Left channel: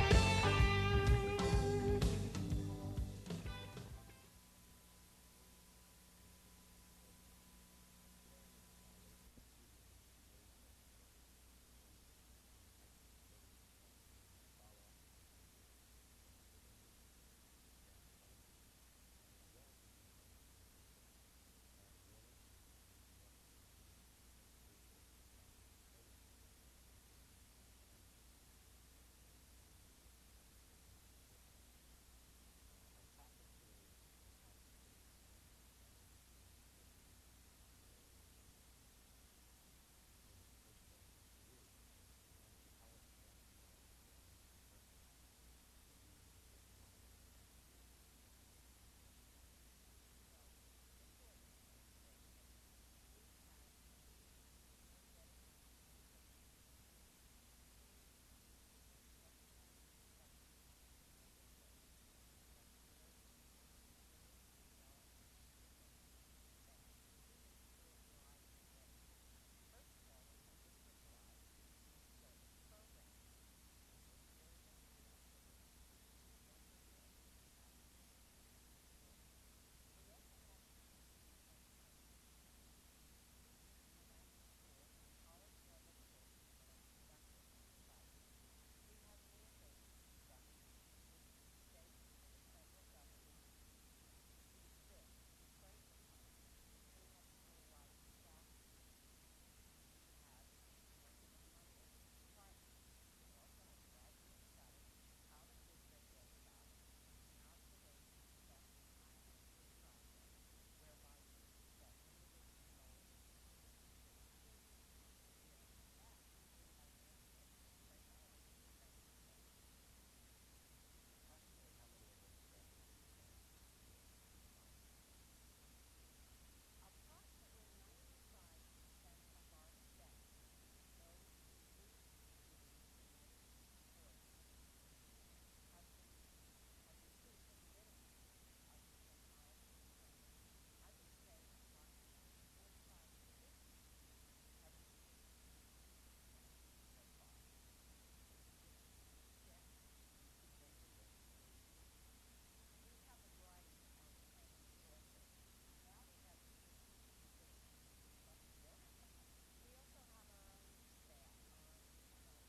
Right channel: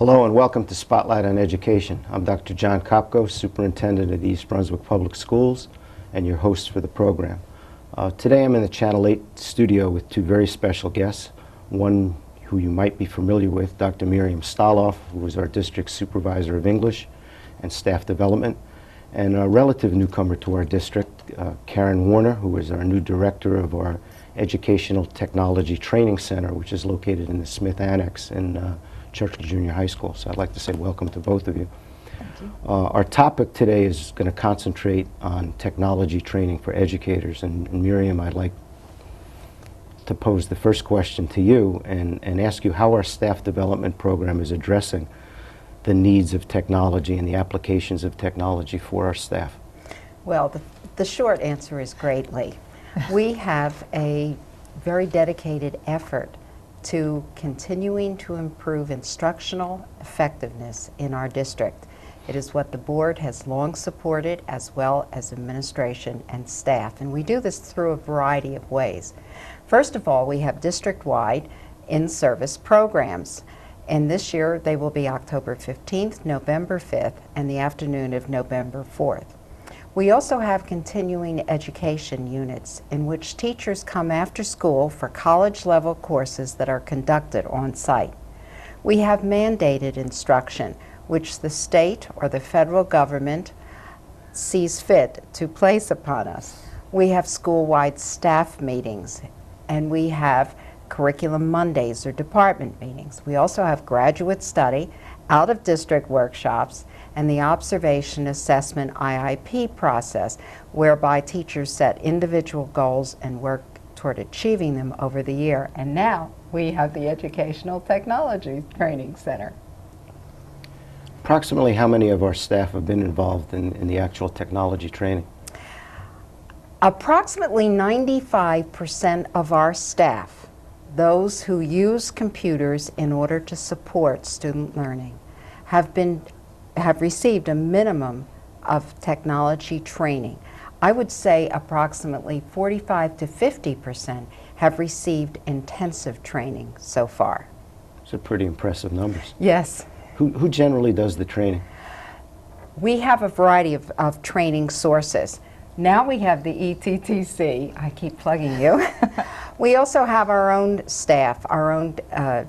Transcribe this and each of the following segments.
Hello and welcome to Spotlight on Education. I'm Dr. Jon Kopko, Superintendent of the East Brunswick Public Schools and your host for the program. Today I'm in the Channel 8 studio with two very special guests. One who you might be familiar with, Dr. Miriam Staloff, who is our District Supervisor of English and Staff Development, and a relative newcomer to our district, Karen Warner, who is our new Director of our Educational Technology Training Center, which is located in the Smith Annex in Churchill Junior High School. So I'd like to say welcome to both of you. Thank you. Our topic today is going to concentrate on technology training for educators. And Miriam, I'd like to pose the first question to you and ask you how our staff development program is addressing the needs of technology and the applications of technology for our staff. Well, the short answer is greatly. We have a very dedicated effort to continuing to improve instructional effectiveness in our district. It is what the board has long supported, as well as administration and staff, and we do this through a variety of ways. First of all, we have district-wide in-service programs, and this year they will be October 15th, November 5th, and the afternoon of November 4th. We also have continuing education units in which teachers come after school for college-level courses that are conducted on site. We have mandated instruction, which the state or the federal government sees fit to place upon us. We have school-wide staff meetings, and we have Curriculum Mondays or department meetings. We also have graduate study, out-of-district workshops, and the observation assessment IIP process, whereby teachers set individual goals and work toward achieving them over the year. And now we have the Educational Technology Training Center. Approximately how many of our staff have been involved in the actual technology training? Approximately 95% of our staff, those who use computers in order to support student learning, have received a minimum of technology training. I would say approximately 45 to 50% have received intensive training so far. Those are pretty impressive numbers. Yes. Who generally does the training? We have a variety of training sources. Now we have the ETTC. I keep plugging you. We also have our own staff, our own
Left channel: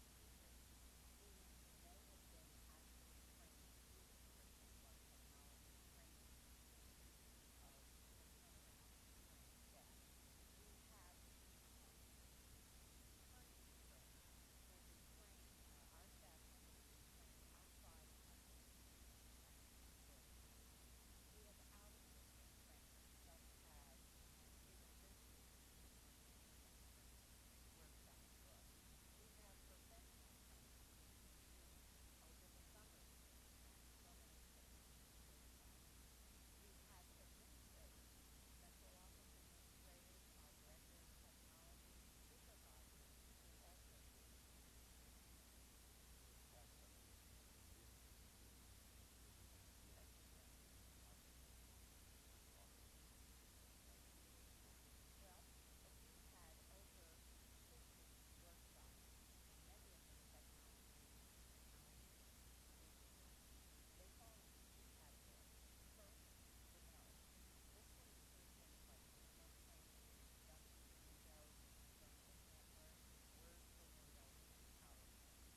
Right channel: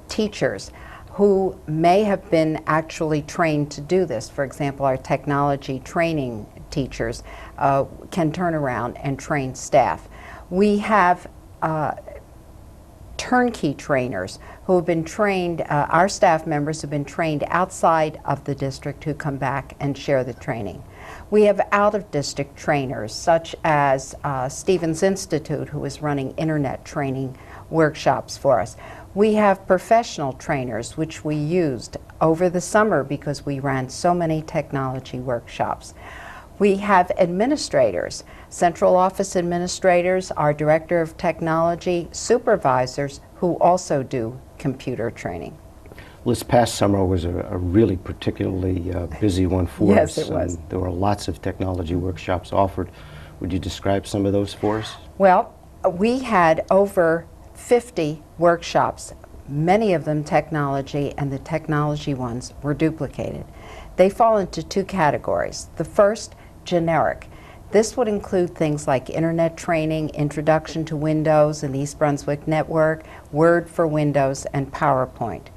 teachers, who may have been actually trained to do this. For example, our technology training teachers can turn around and train staff. We have turnkey trainers who have been trained, our staff members have been trained outside of the district who come back and share the training. We have out-of-district trainers such as Stevens Institute, who is running internet training workshops for us. We have professional trainers, which we used over the summer because we ran so many technology workshops. We have administrators, central office administrators, our director of technology, supervisors who also do computer training. Well, this past summer was a really particularly busy one for us. Yes, it was. There were lots of technology workshops offered. Would you describe some of those for us? Well, we had over 50 workshops, many of them technology, and the technology ones were duplicated. They fall into two categories. The first, generic. This would include things like internet training, introduction to Windows and East Brunswick Network, Word for Windows, and PowerPoint.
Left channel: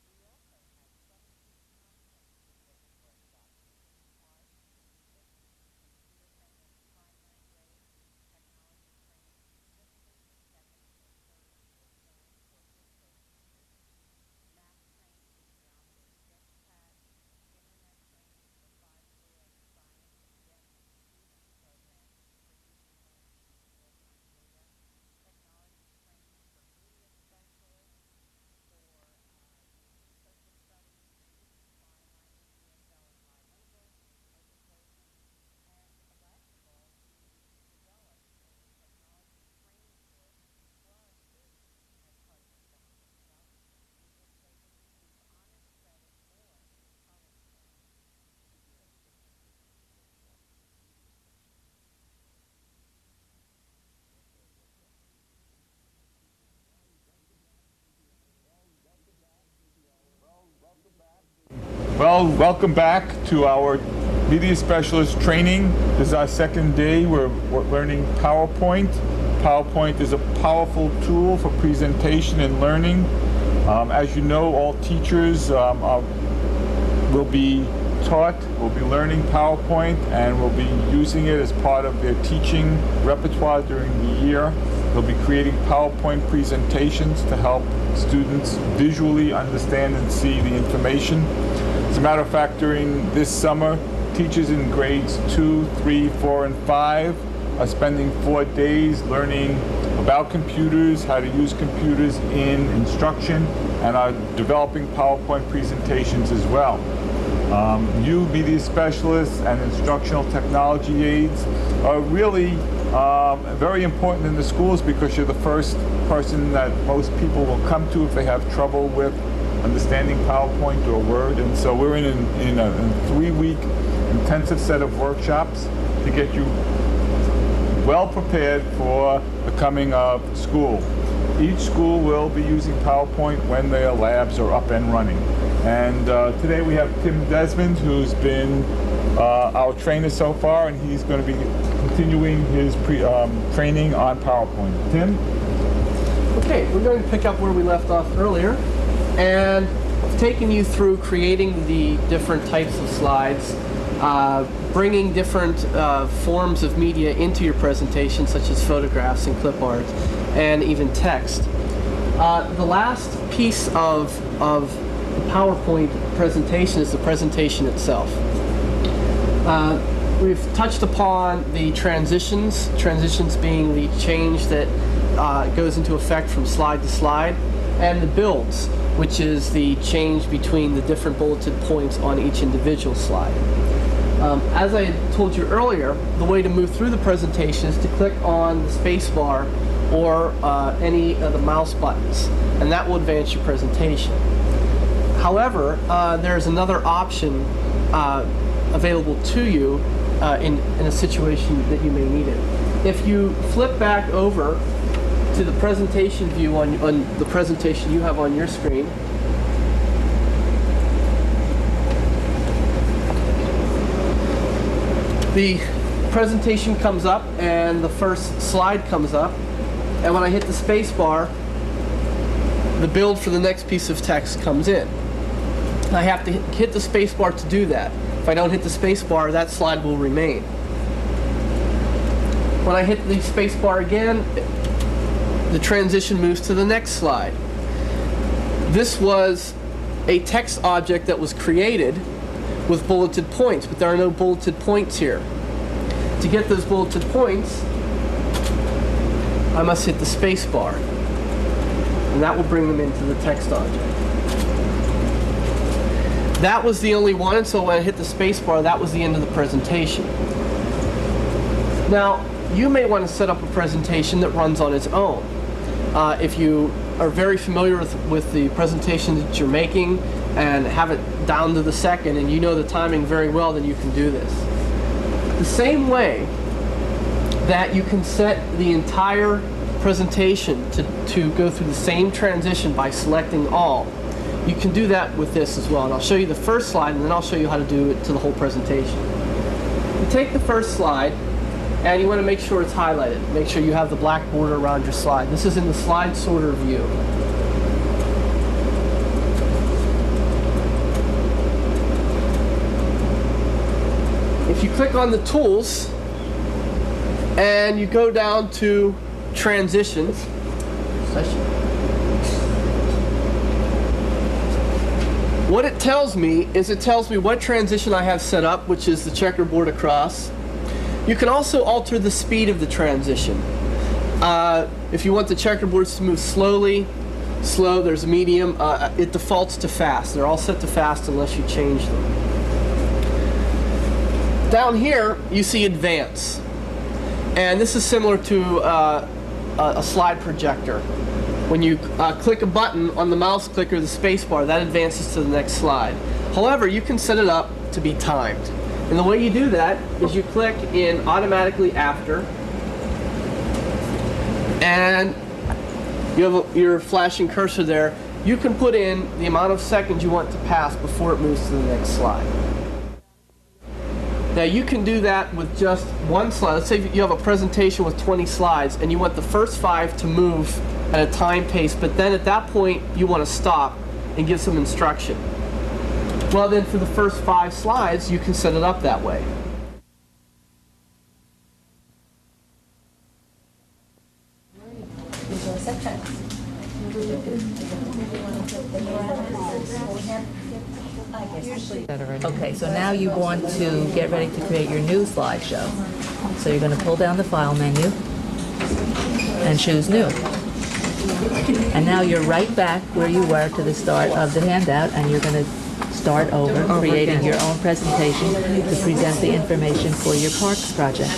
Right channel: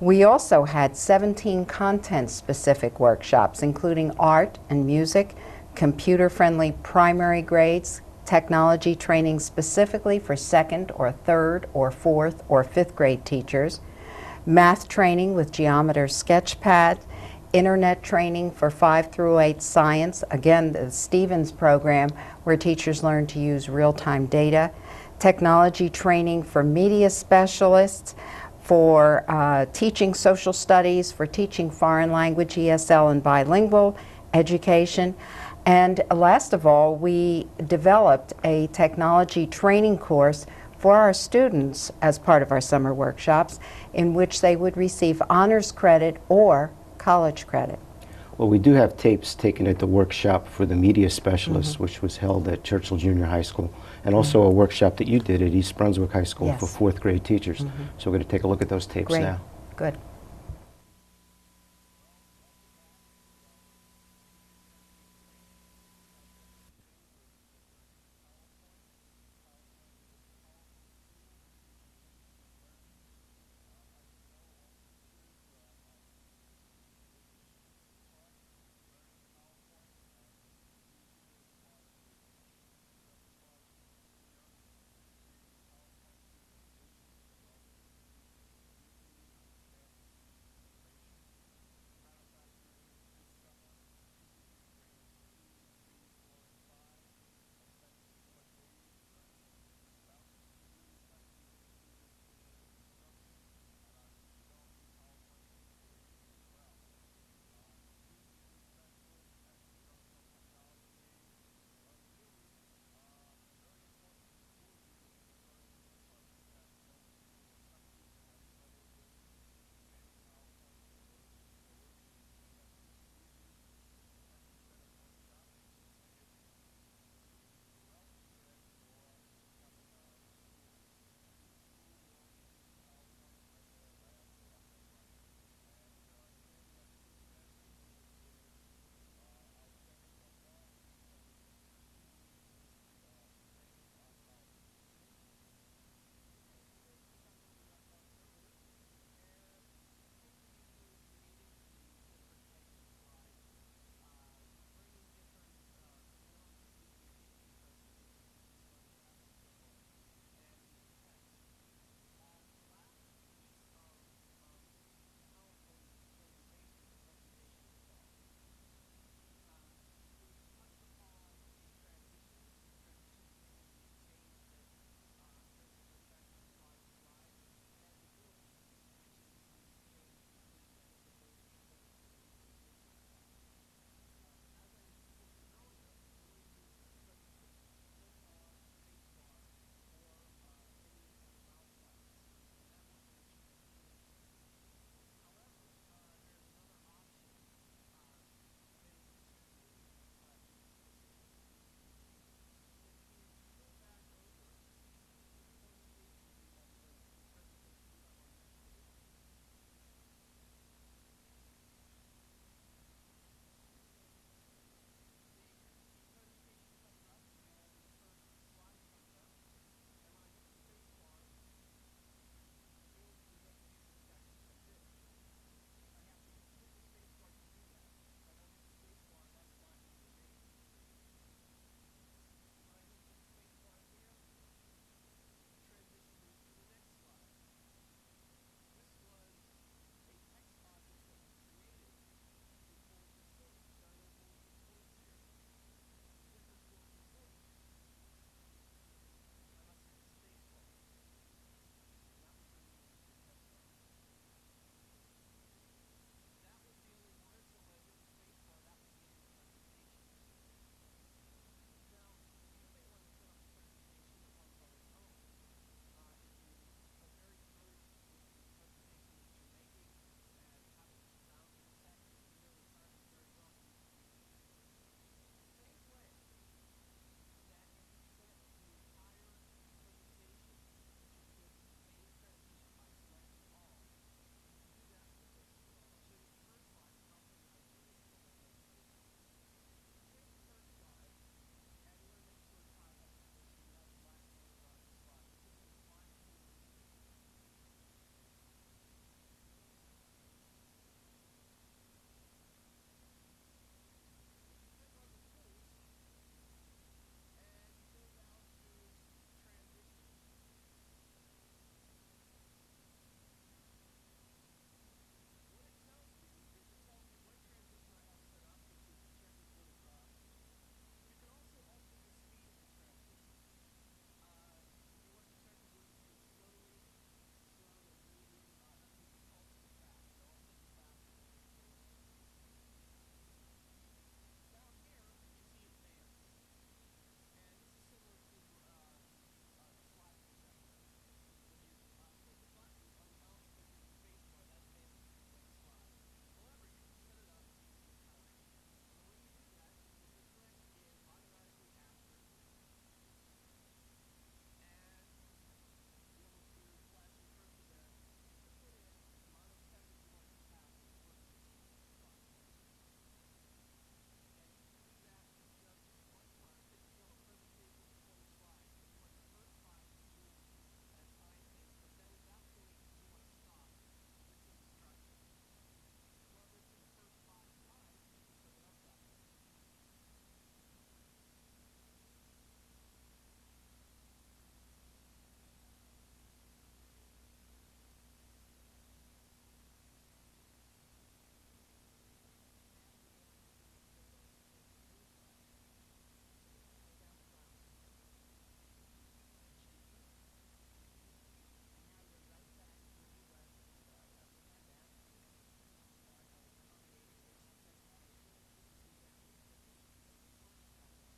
We also had 17 content-specific workshops, including art and music, computer-friendly primary grades, technology training specifically for second or third or fourth or fifth grade teachers, math training with Geometer Sketchpad, internet training for 5 through 8 science, again the Stevens program where teachers learn to use real-time data, technology training for media specialists, for teaching social studies, for teaching foreign language, ESL and bilingual education. And last of all, we developed a technology training course for our students as part of our summer workshops in which they would receive honors credit or college credit. Well, we do have tapes taken at the workshop for the media specialists, which was held at Churchill Junior High School, and also a workshop that you did at East Brunswick High School for 4th grade teachers. So we're going to take a look at those tapes now. Good. Well, welcome back to our Media Specialist training. This is our second day. We're learning PowerPoint. PowerPoint is a powerful tool for presentation and learning. As you know, all teachers will be learning PowerPoint and will be using it as part of their teaching repertoire during the year. They'll be creating PowerPoint presentations to help students visually understand and see the information. As a matter of fact, during this summer, teachers in grades 2, 3, 4, and 5 are spending 4 days learning about computers, how to use computers in instruction, and are developing PowerPoint presentations as well. You media specialists and instructional technology aides are really very important in the schools because you're the first person that most people will come to if they have trouble with understanding PowerPoint or Word. And so we're in a 3-week intensive set of workshops to get you well prepared for the coming of school. Each school will be using PowerPoint when their labs are up and running. And today we have Tim Desmond, who's been our trainer so far, and he's going to be continuing his training on PowerPoint. Tim? Okay, we're going to pick up where we left off earlier, and taking you through creating the different types of slides, bringing different forms of media into your presentation, such as photographs and clip art, and even text. The last piece of the PowerPoint presentation is the presentation itself. We've touched upon the transitions being the change that goes into effect from slide to slide, and the builds, which is the change between the different bulleted points on each individual slide. As I told you earlier, the way to move through the presentation is to click on the space bar or any of the mouse buttons, and that will advance your presentation. However, there's another option available to you in a situation that you may need it. If you flip back over to the presentation view on the presentation you have on your screen, the presentation comes up and the first slide comes up, and when I hit the space bar, the build for the next piece of text comes in. I have to hit the space bar to do that. If I don't hit the space bar, that slide will remain. When I hit the space bar again, the transition moves to the next slide. This was a text object that was created with bulleted points, but there are no bulleted points here. To get those bulleted points, I must hit the space bar, and that will bring them into the text object. That was the only one, and so when I hit the space bar, that was the end of the presentation. Now, you may want to set up a presentation that runs on its own. If you are very familiar with the presentation that you're making and have it down to the second and you know the timing very well, then you can do this. The same way that you can set the entire presentation to go through the same transition by selecting all, you can do that with this as well. And I'll show you the first slide, and then I'll show you how to do it to the whole presentation. You take the first slide, and you want to make sure it's highlighted. Make sure you have the black border around your slide. This is in the slide sorter view. If you click on the tools, and you go down to transitions, what it tells me is it tells me what transition I have set up, which is the checkerboard across. You can also alter the speed of the transition. If you want the checkerboards to move slowly, slow, there's medium. It defaults to fast. They're all set to fast unless you change them. Down here, you see advance. And this is similar to a slide projector. When you click a button on the mouse clicker, the space bar, that advances to the next slide. However, you can set it up to be timed. And the way you do that is you click in automatically after, and you have your flashing cursor there, you can put in the amount of seconds you want to pass before it moves to the next slide. Now you can do that with just one slide. Let's say you have a presentation with 20 slides and you want the first 5 to move at a time pace, but then at that point you want to stop and give some instruction. Well, then for the first 5 slides you can set it up that way. Okay, so now you want to get ready to create your new slideshow. So you're going to pull down the File menu and choose New. And now you're right back where you were to the start of the handout, and you're going to start over creating your own presentation to present the information for your parks project.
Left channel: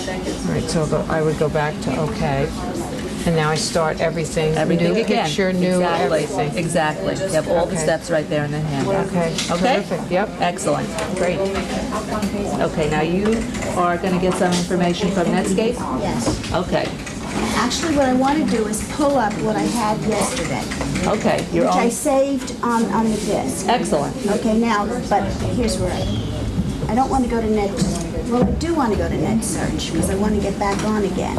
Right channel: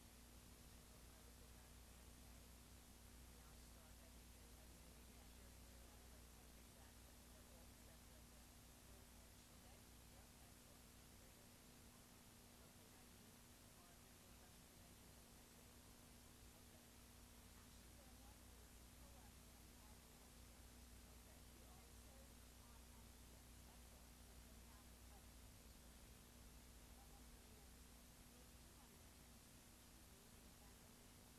All right, so I would go back to OK. And now I start everything. Everything New again. picture, new Exactly. everything. Exactly. You have all the Okay. steps right there in the handout. Okay. Okay? Terrific. Yep. Excellent. Great. Okay, now you are going to get some information from Netscape? Yes. Okay. Actually, what I want to do is pull up what I had yesterday, Okay. Your which I own. saved on the disk. Excellent. Okay, now, but here's where I don't want to go to Net. Well, I do want to go to Net Search because I want to get back on again.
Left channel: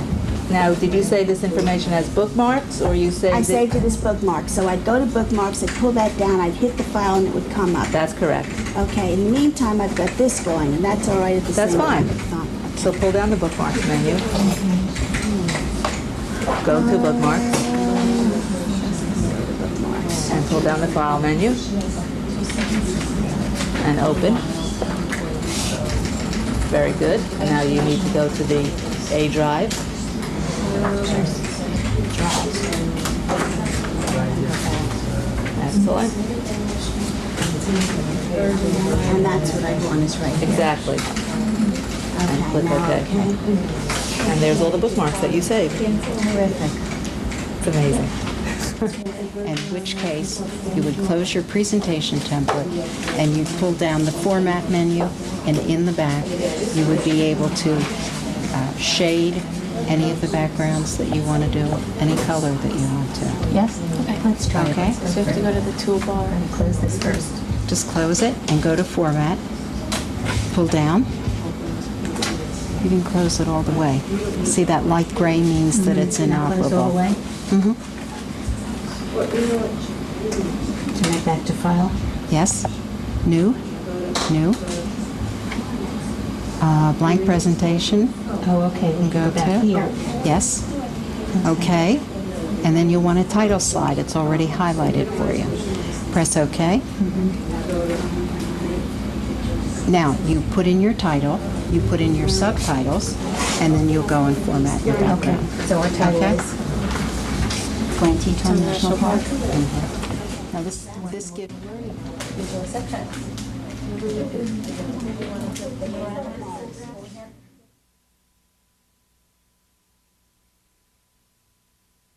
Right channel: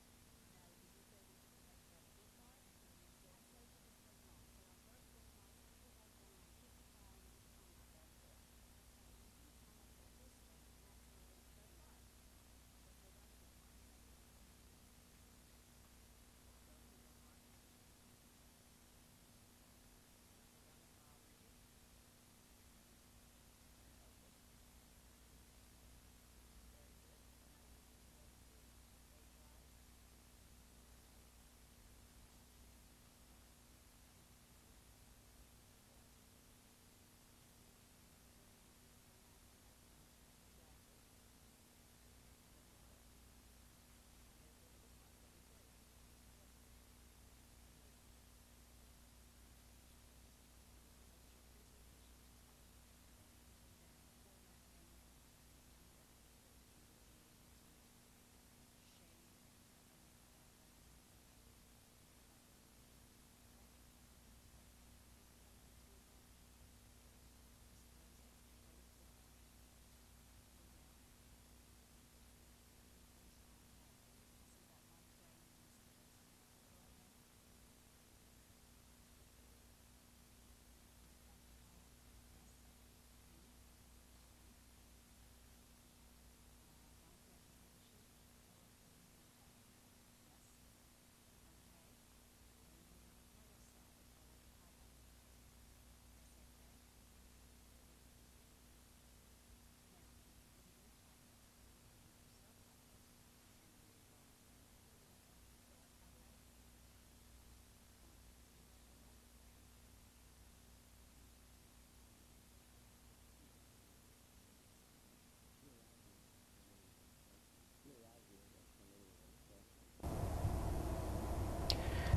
Now, did you say this information has bookmarks, or you saved I it? saved it as bookmarks, so I'd go to bookmarks, I'd pull that down, I'd hit the file, and it would come up. That's correct. Okay, in the meantime, I've got this going, and that's all right at the That's same fine. time. So pull down the bookmarks menu. Go to bookmarks and pull down the File menu and open. Very good. And now you need to go to the A drive. Excellent. And that's what I want is right there. Exactly. And click now, OK. And there's all the bookmarks that you saved. Terrific. It's amazing. In which case, you would close your presentation template and you'd pull down the Format menu, and in the back, you would be able to shade any of the backgrounds that you want to do, any color that you want to. Yes? Okay, let's try Okay. it. So you have to go to the toolbar and close this first. Just close it and go to Format, pull down. You can close it all the way. See that light gray means that it's inoperable. Close all the way? Mm-hmm. Turn it back to file. Yes. New. New. Blank presentation. Oh, okay, we Go go back to. here. Yes. Okay. And then you'll want a title slide. It's already highlighted for you. Press OK. Now, you put in your title, you put in your subtitles, and then you'll go and format your Okay, background. so our title Okay. is Grand Teton National Park. Now, this gives... visual section.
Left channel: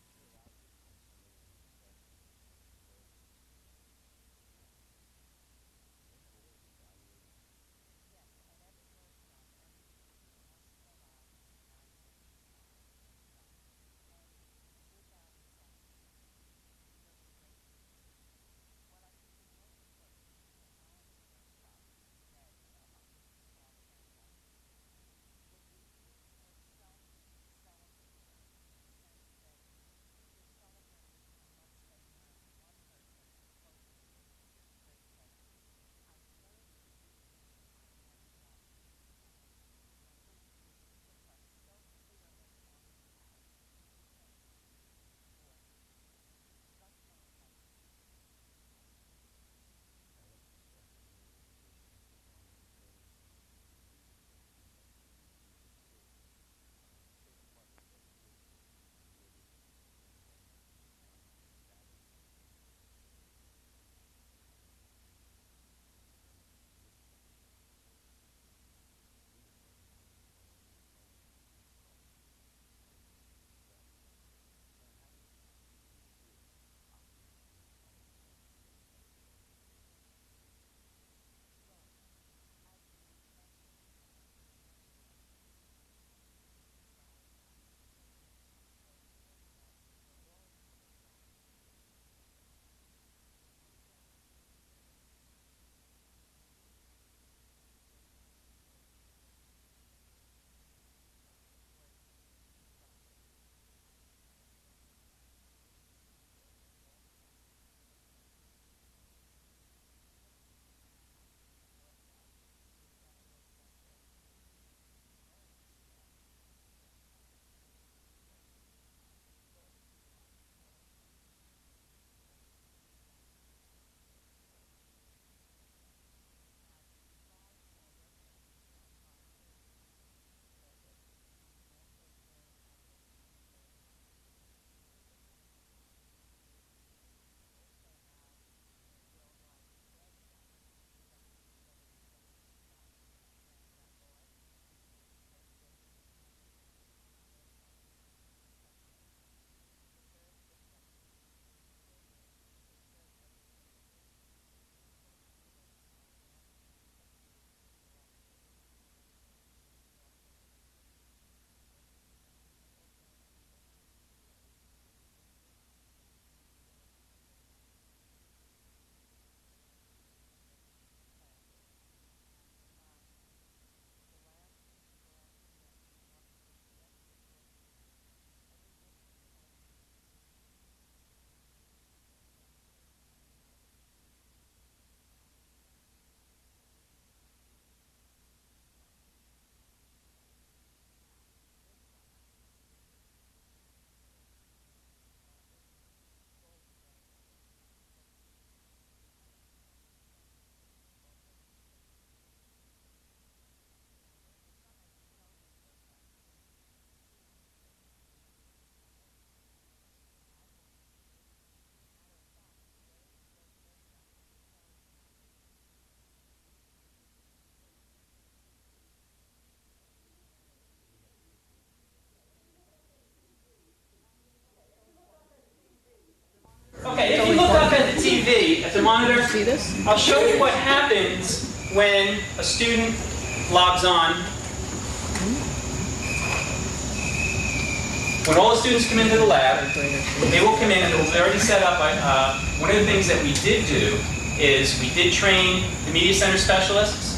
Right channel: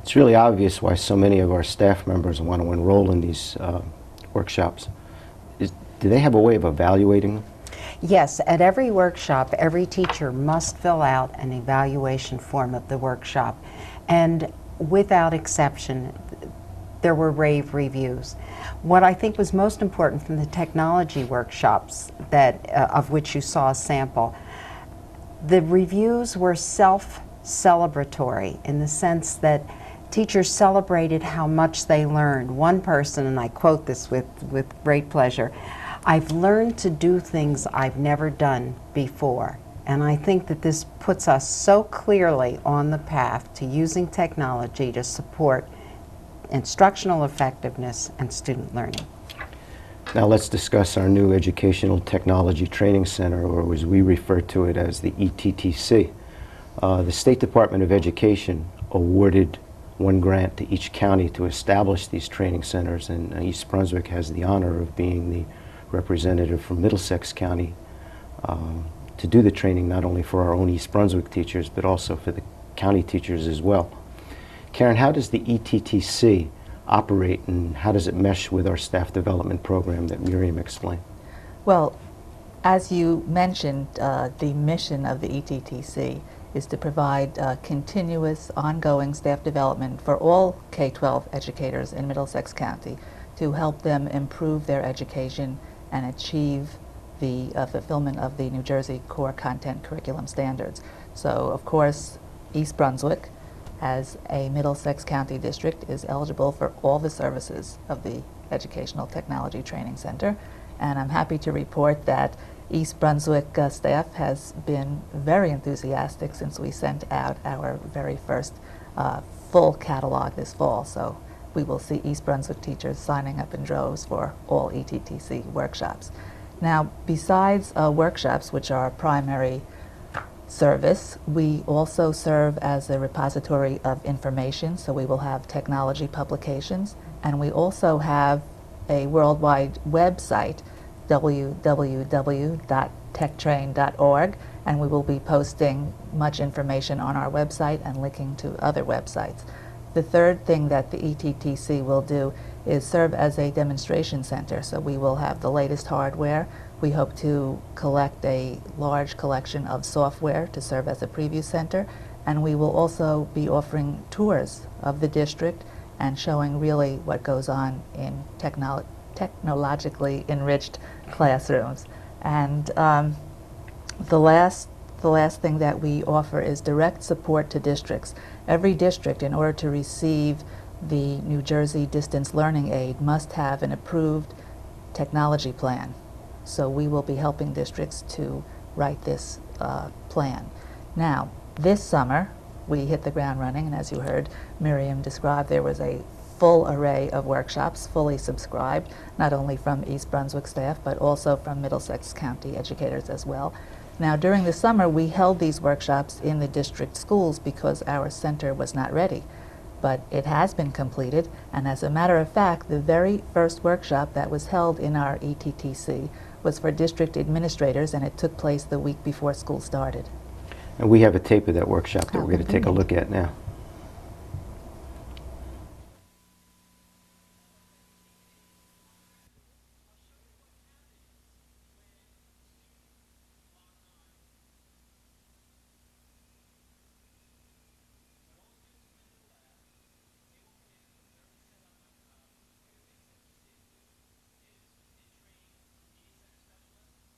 It's really obvious why so many of our staff members want to enroll in these workshops. Do they have a way of evaluating them? Yes, at every workshop, every teacher must fill out an evaluation form of the workshop. And without exception, there were rave reviews. What I think was most important from the technology workshops that of which you saw a sample, the reviews were self-celebratory in the sense that teachers celebrated how much they learned. One person, and I quote this with great pleasure, "I've learned to do things I've never done before." And I think that this puts us so clearly on the path to using technology to support instructional effectiveness and student learning. Now let's discuss our new Educational Technology Training Center, or as we refer to it as the ETTC. The State Department of Education awarded one grant to each county to establish these training centers, and East Brunswick has the honor of being the representative from Middlesex County to do the training, not only for our own East Brunswick teachers, but also for the county teachers as well. Karen, how does the ETTC operate, and how does it mesh with our staff development program that Miriam explained? Well, as you mentioned, the mission of the ETTC is to provide continuous, ongoing staff development for all K-12 educators in Middlesex County to help them improve their education and achieve the fulfillment of the New Jersey core content curriculum standards. So, of course, East Brunswick, as a Middlesex County district, is eligible for all the services of the Educational Technology Training Center. And I'm happy to report that East Brunswick staff has been very enthusiastic since we sent out our very first full catalog this fall. So we will see East Brunswick teachers signing up in droves for all ETTC workshops. Now, besides workshops, which are our primary service, we also serve as a repository of information, so we will have technology publications, and we also have a worldwide website, www.techtrain.org, and we will be posting much information on our website and linking to other websites. The third thing that the ETTC will do is serve as a demonstration center, so we will have the latest hardware. We hope to collect a large collection of software to serve as a preview center, and we will also be offering tours of the district and showing really what goes on in technologically enriched classrooms. And the last thing that we offer is direct support to districts. Every district, in order to receive the New Jersey Distance Learning Aid, must have an approved technology plan. So we will be helping districts to write this plan. Now, this summer, we hit the ground running, and as you heard Miriam describe, there was a full array of workshops, fully subscribed, not only from East Brunswick staff, but also from Middlesex County educators as well. Now, during the summer, we held these workshops in the district schools because our center was not ready. But it has been completed, and as a matter of fact, the very first workshop that was held in our ETTC was for district administrators, and it took place the week before school started. And we have a tape of that workshop that we're going to take a look at now. Okay, if you look up at the TV, at the monitor, I'll show you what happens when a student logs on. When all the students come into the lab, they will come in and it will be already set up. One of the things that we did do is we did train the Media Center specialists.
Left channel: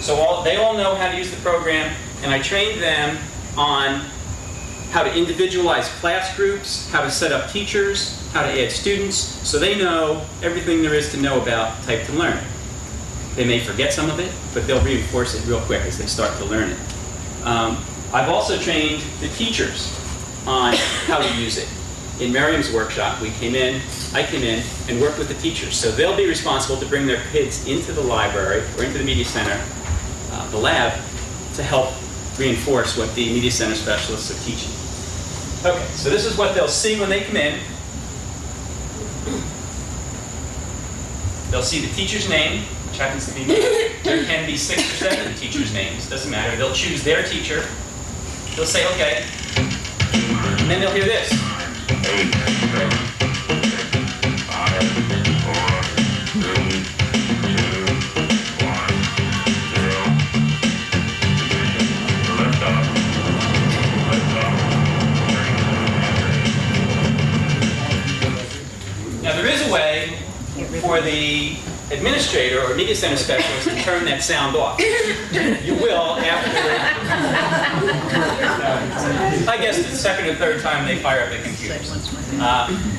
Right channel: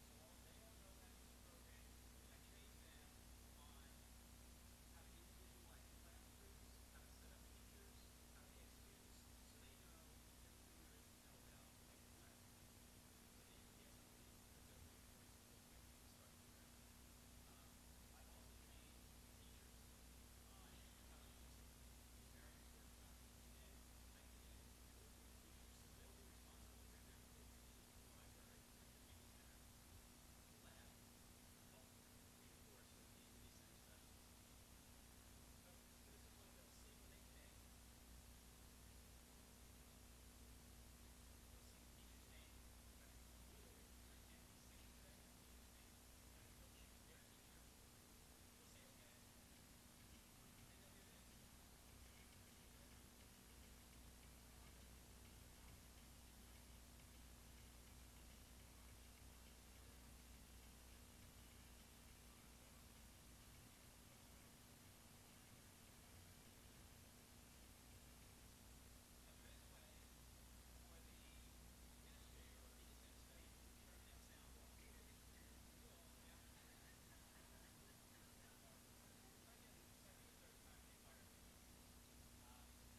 So they all know how to use the program, and I trained them on how to individualize class groups, how to set up teachers, how to add students, so they know everything there is to know about Type to Learn. They may forget some of it, but they'll reinforce it real quick as they start to learn it. I've also trained the teachers on how to use it. In Miriam's workshop, I came in and worked with the teachers. So they'll be responsible to bring their kids into the library or into the Media Center, the lab, to help reinforce what the Media Center specialists are teaching. Okay, so this is what they'll see when they come in. They'll see the teacher's name, which happens to be me. There can be 6 or 7 teachers' names, doesn't matter. They'll choose their teacher. They'll say, okay. And then they'll hear this. 8, 7, 5, 4, 3, 2, 1, 0. Lift up. Now there is a way for the administrator or media center specialist to turn that sound off. You will after, I guess the second or third time they fire up the computers.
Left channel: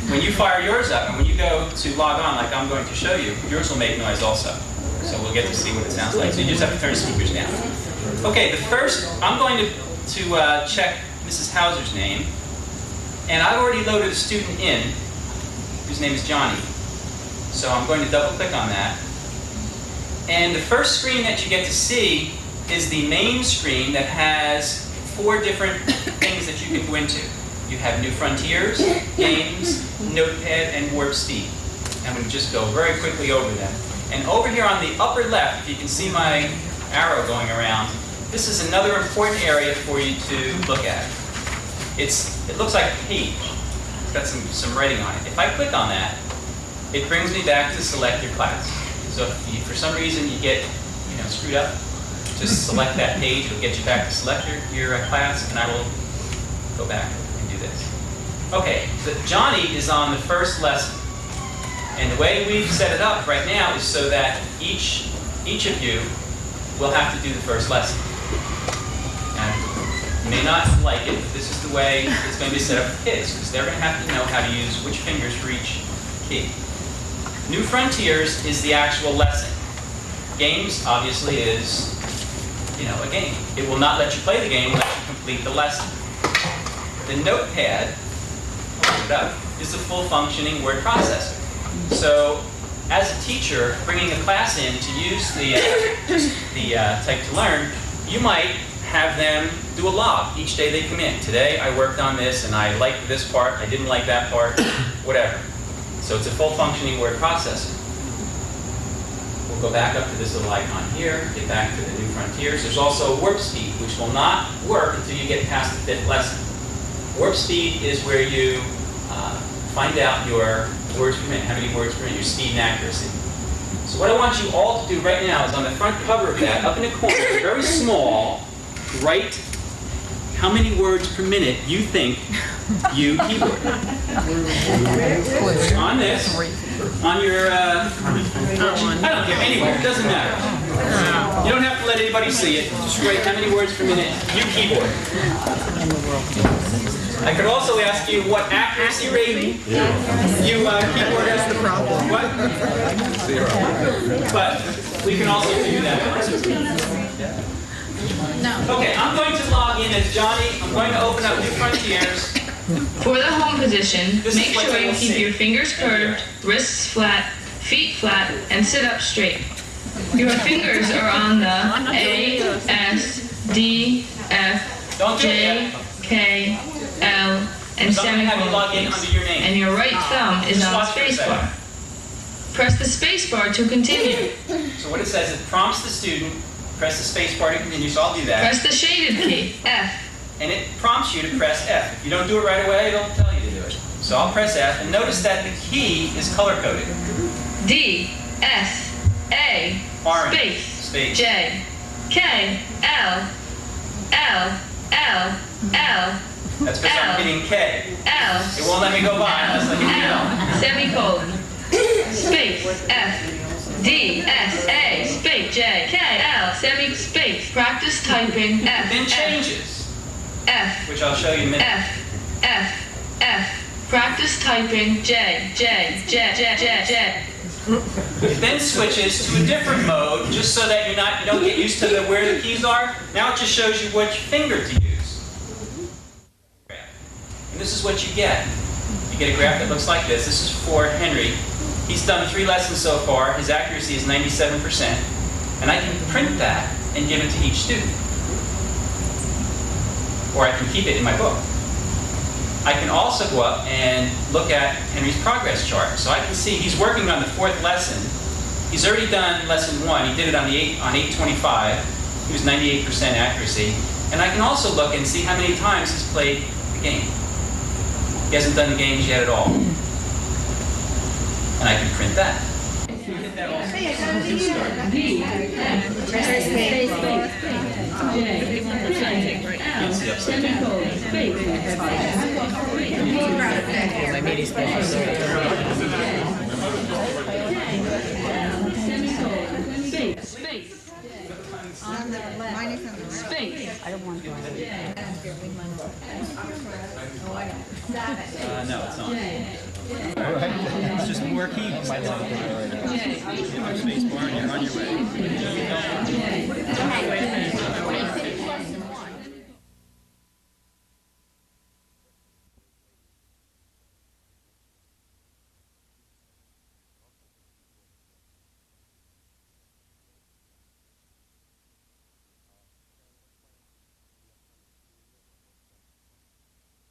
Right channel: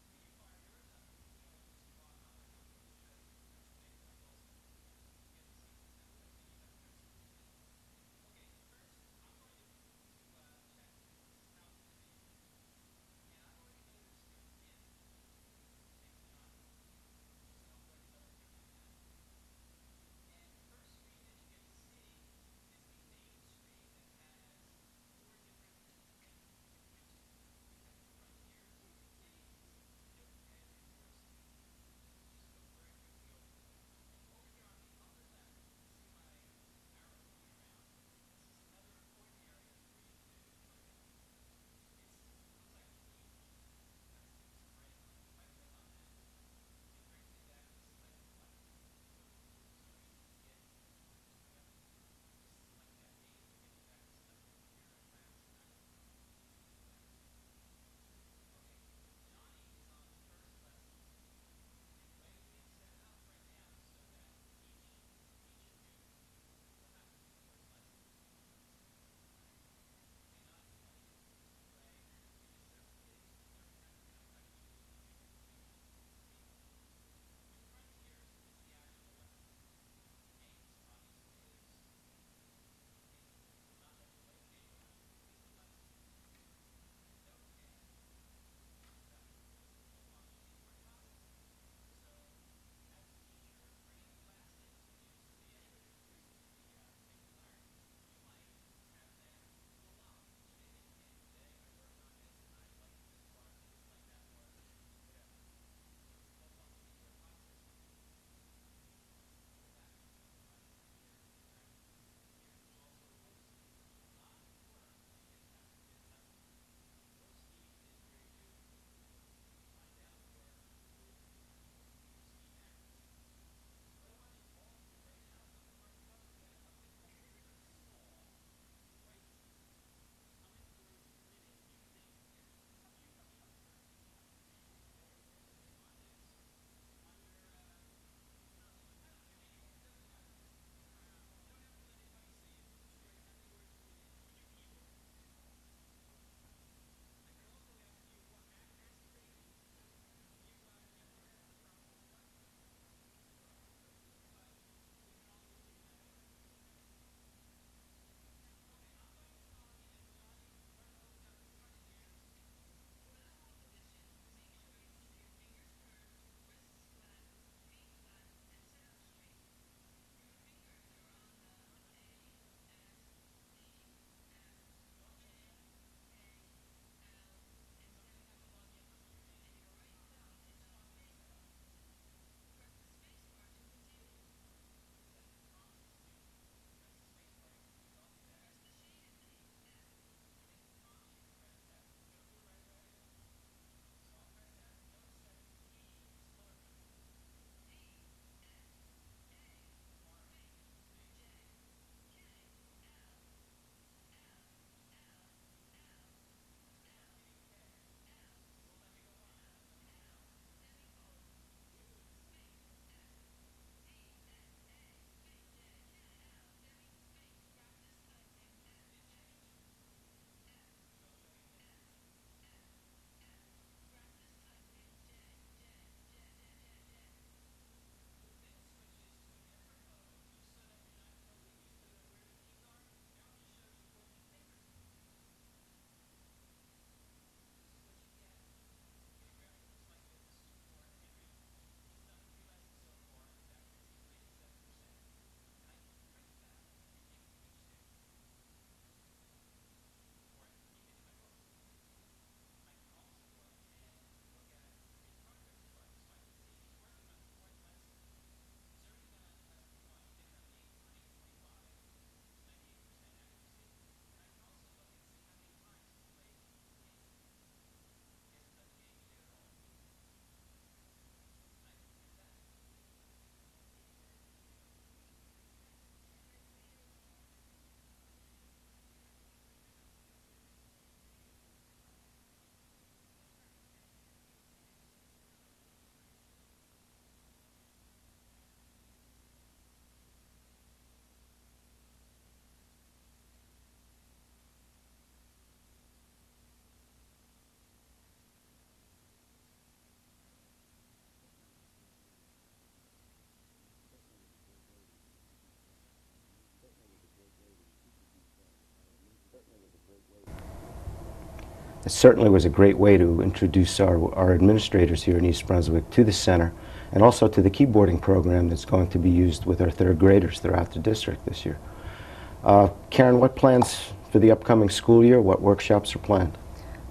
When you fire yours up and when you go to log on like I'm going to show you, yours will make noise also. So we'll get to see what it sounds like. So you just have to turn the speakers down. Okay, the first, I'm going to check Mrs. Hauser's name. And I've already loaded a student in whose name is Johnny. So I'm going to double click on that. And the first screen that you get to see is the main screen that has 4 different things that you can go into. You have New Frontiers, Games, Notepad, and Warp Speed. I'm going to just go very quickly over them. And over here on the upper left, if you can see my arrow going around, this is another important area for you to look at. It looks like a page. It's got some writing on it. If I click on that, it brings me back to select your class. So if you, for some reason you get screwed up, just select that page. It'll get you back to select your class, and I will go back and do this. Okay, Johnny is on the first lesson. And the way we've set it up right now is so that each of you will have to do the first lesson. And you may not like it, but this is the way it's going to be set up for kids, because they're going to have to know how to use which fingers for each key. New Frontiers is the actual lesson. Games, obviously, is, a game. It will not let you play the game unless you complete the lesson. The notepad, I'll put it up, is a full functioning word processor. So, as a teacher, bringing a class in to use the Type to Learn, you might have them do a log each day they come in. Today I worked on this and I liked this part, I didn't like that part, whatever. So it's a full functioning word processor. We'll go back up to this little icon here, get back to the New Frontiers. There's also warp speed, which will not work until you get past the 5th lesson. Warp speed is where you find out your words per minute, how many words per minute, your speed and accuracy. So what I want you all to do right now is on the front cover of that, up in the corner, very small, write how many words per minute you think you keyboard. On this, on your, I don't care, anywhere, it doesn't matter. You don't have to let anybody see it, just write how many words per minute you keyboard. I could also ask you what accuracy rating you keyboard. That's the problem. What? 0. But we can also do that. No. Okay, I'm going to log in as Johnny. I'm going to open up New Frontiers. For the home position, make sure you keep your fingers curved, wrists flat, feet flat, and sit up straight. Your fingers are on the A, S, D, F, J, K, L, and semicolons, and your right thumb is on the space bar. Press the space bar to continue. So what it says, it prompts the student, press the space bar to continue, so I'll do that. Press the shaded key, F. And it prompts you to press F. If you don't do it right away, it'll tell you to do it. So I'll press F, and notice that the key is color-coded. D, S, A, Orange. space, J, K, L, L, L, L, That's because I'm hitting K. L. It won't let me go by unless I hit L. Semicolon. Space. F. D. S. A. Space. J. K. L. Space. Practice typing. F. Then changes. F. Which I'll show you in a minute. F. F. F. Practice typing. J. J. J. J. J. J. It then switches to a different mode, just so that you don't get used to where the keys are. Now it just shows you which finger to use. And this is what you get. You get a graph that looks like this. This is for Henry. He's done 3 lessons so far. His accuracy is 97%. And I can print that and give it to each student. Or I can keep it in my book. I can also go up and look at Henry's progress chart. So I can see he's working on the 4th lesson. He's already done lesson 1. He did it on 825. He was 98% accuracy. And I can also look and see how many times he's played the game. He hasn't done the games yet at all. And I can print that. I don't want to. No, it's not. All right. It's just more keys. My love. Space bar and you're on your way. It certainly was a great way to introduce our administrators here in East Brunswick to the center and also to the keyboarding program that's going to be used with our 3rd graders throughout the district this year. Karen, what plans for the upcoming school year? What workshops are planned?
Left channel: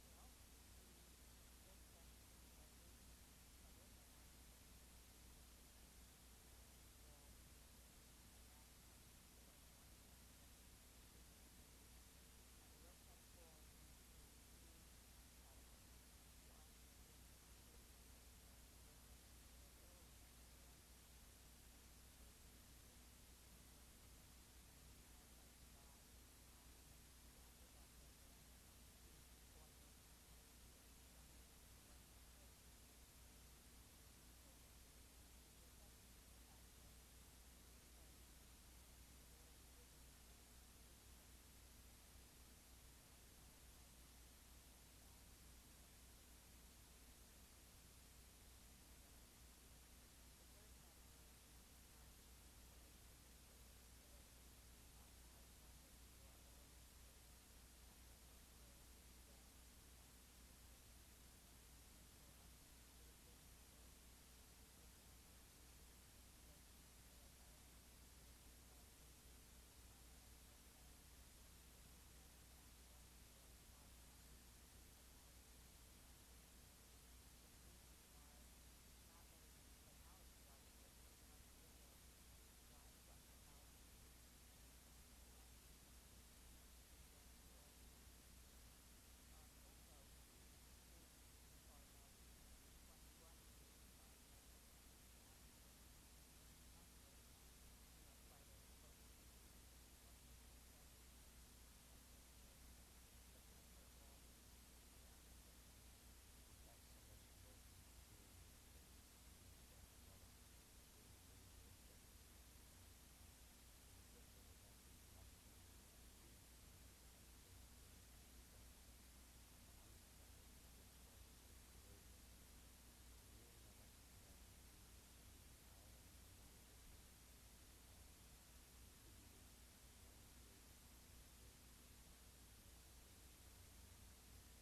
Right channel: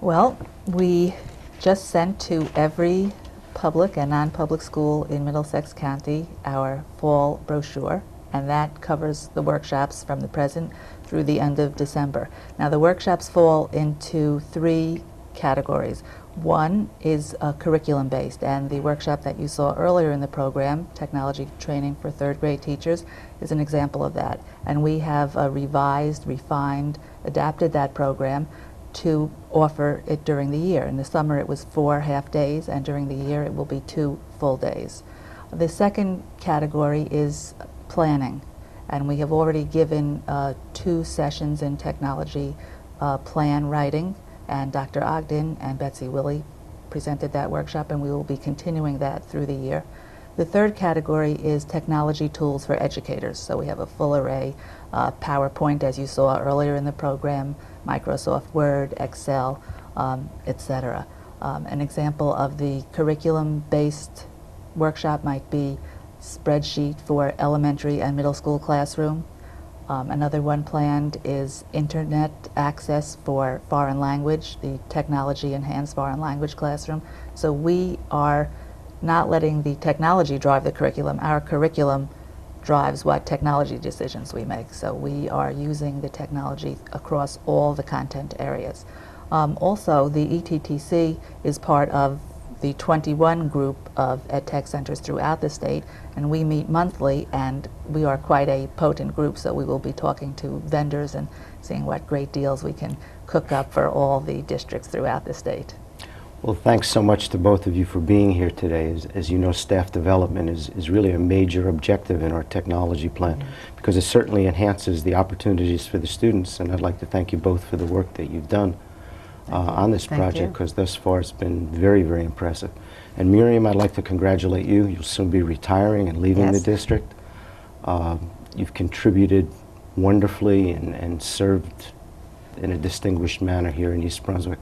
Well, we just sent to every public and non-public school in Middlesex County our fall brochure, and that covers the workshops from the present through the end of December. Now, the workshops fall into 3 categories. One is curriculum-based, and the workshop that you saw earlier in the program, Technology Training for 3rd grade teachers, is an example of that. And we have revised, refined, adapted that program to offer it during the year. In the summer it was 4 half days, and during the year it will be 2 full days. The second category is planning, and we have already given 2 sessions in technology plan writing, and Dr. Ogden and Betsy Willie presented that workshop, and we will be continuing that through the year. The third category is technology tools for educators. So we have a full array, PowerPoint, as you saw earlier in the program, Microsoft Word, Excel, etc. An example of the curriculum-based workshop might be spreadsheet for elementary and middle school classroom. Another one planned is internet access for foreign language, the technology-enhanced foreign language classroom. So we are not letting the technology drive the curriculum. Our curriculum drives what technology decisions we make. So we are using the technology across all the content areas. Also, the ETTC is part of the 21 group of EdTech centers throughout the state, and we meet monthly, and we are quite a potent group, so we will be talking to vendors and seeing what great deals we can cook up for all the districts throughout the state. Well, thanks so much to both of you for being here today. As you know, staff development is really a major objective in our technology plan, because it certainly enhances the opportunities for the students, and I'd like to thank you both for the work that you've done on this project, because thus far it's been very, very impressive. And Miriam, I'd like to congratulate you. You'll soon be retiring and leaving the district. You've contributed wonderfully and served in a distinguished manner here in East Brunswick.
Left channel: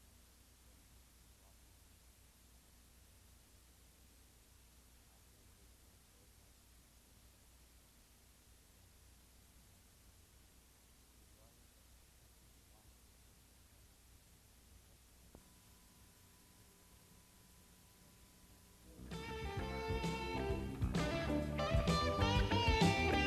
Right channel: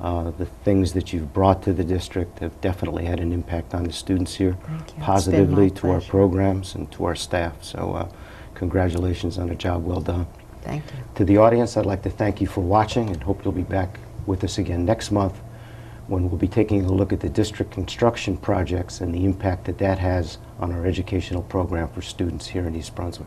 The things that you've brought to the district have definitely had an impact on the students here, positively to our programs and to our staff. So congratulations on a job well done. Thank you. To the audience, I'd like to thank you for watching, and hope you'll be back with us again next month, when we'll be taking a look at the district construction projects and the impact that that has on our educational program for students here in East Brunswick.